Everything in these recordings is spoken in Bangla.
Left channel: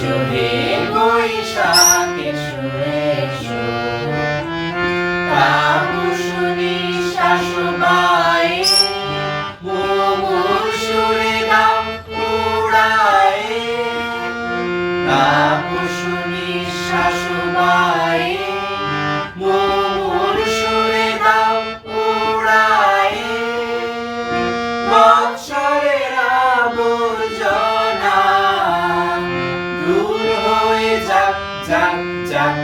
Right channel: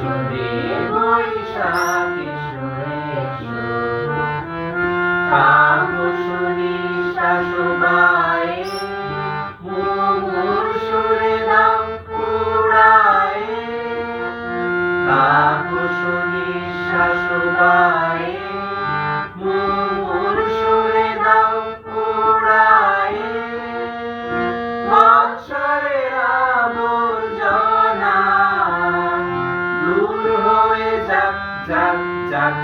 এসো হে বৈশাখ এসো এসো তাপসী শাশুবায়ে মুমুর সুরে দাও উড়ায়ে তাপসী শাশুবায়ে মুমুর সুরে দাও উড়ায়ে বৎসরের আবর্জনা দূর হয়ে যাক যাক যাক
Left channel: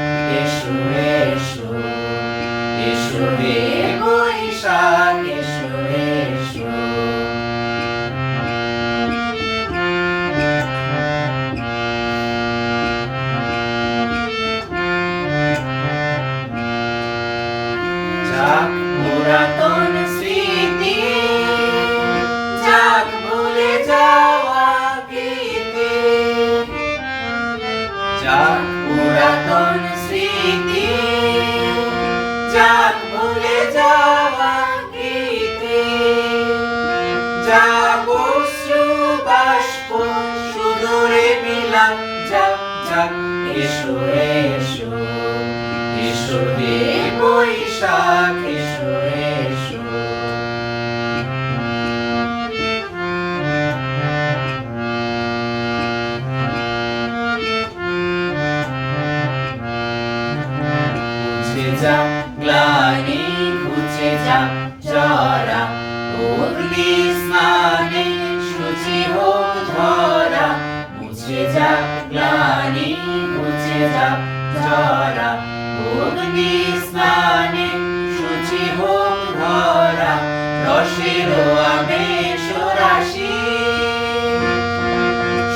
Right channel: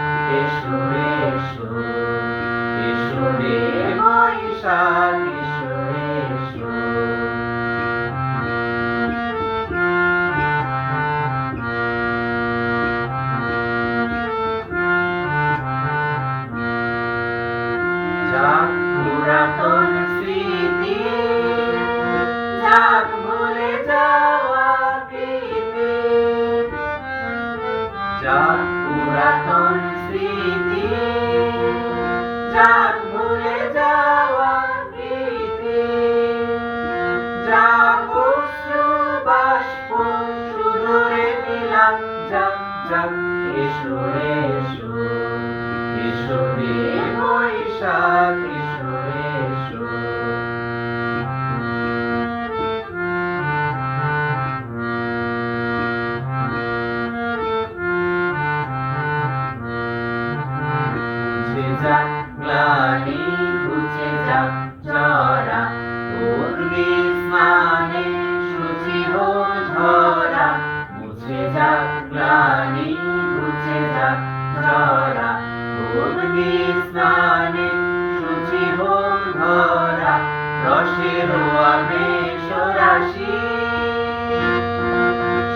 এসো এসো এসো হে বৈশাখ এসো এসো যাক পুরাতন স্মৃতি যাক ভুলে যাওয়া গীতি যাক পুরাতন স্মৃতি যাক ভুলে যাওয়া গীতি যাক অশ্রু বাষ্প সুদূরে বিলাপ যাক যাক এসো এসো এসো হে বৈশাখ এসো এসো মুছে যাক গ্লানি ঘুচে যাক জরা অগ্নি স্নানে শুচি হোক ধরা মুছে যাক গ্লানি ঘুচে যাক জরা অগ্নি স্নানে শুচি হোক ধরা রসের আবেশ রাশি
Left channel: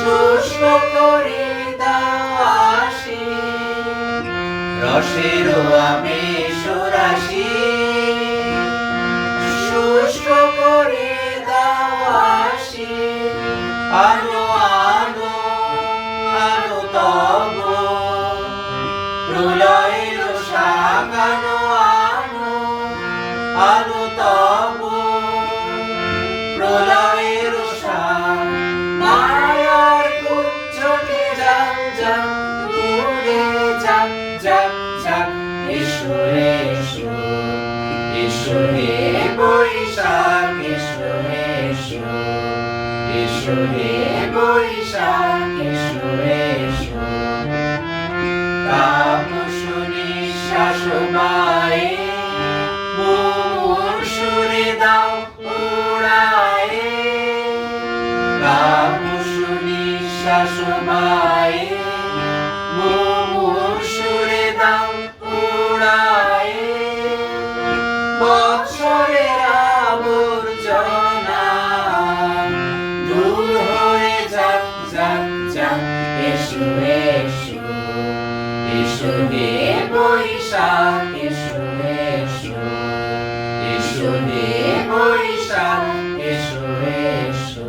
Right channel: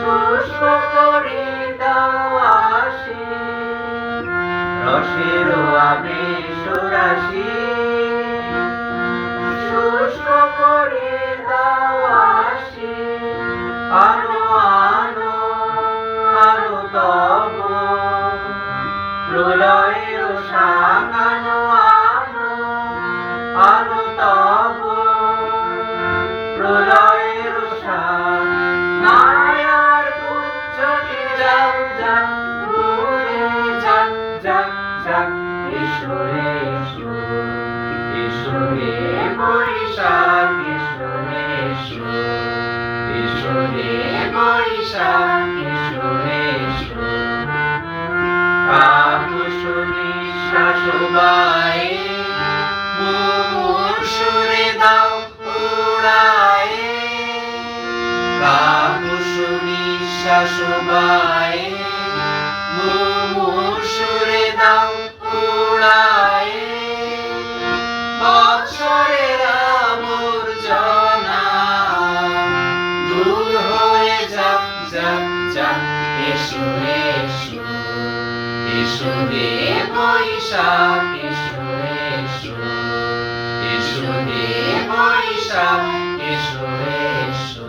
শুষ্ক করে দাও আসি রসের আবেশ রাশি শুষ্ক করে দাও আসি আনো আনো আনো তব প্রলয়ের শাক আনো আনো আনো তব প্রলয়ের শাক মায়ার কুঞ্জটে যাক যাক উড়ে যাক যাক যাক এসো এসো এসো হে বৈশাখ এসো এসো এসো হে বৈশাখ এসো এসো তাপসী শাশুবায়ে মুমুর সুরে দাও উড়ায়ে তাপসী শাশুবায়ে মুমুর সুরে দাও উড়ায়ে বৎসরের আবর্জনা দূর হয়ে যাক যাক যাক এসো এসো এসো হে বৈশাখ এসো এসো এসো হে বৈশাখ এসো এসো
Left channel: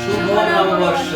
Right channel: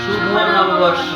শুভ নববর্ষ।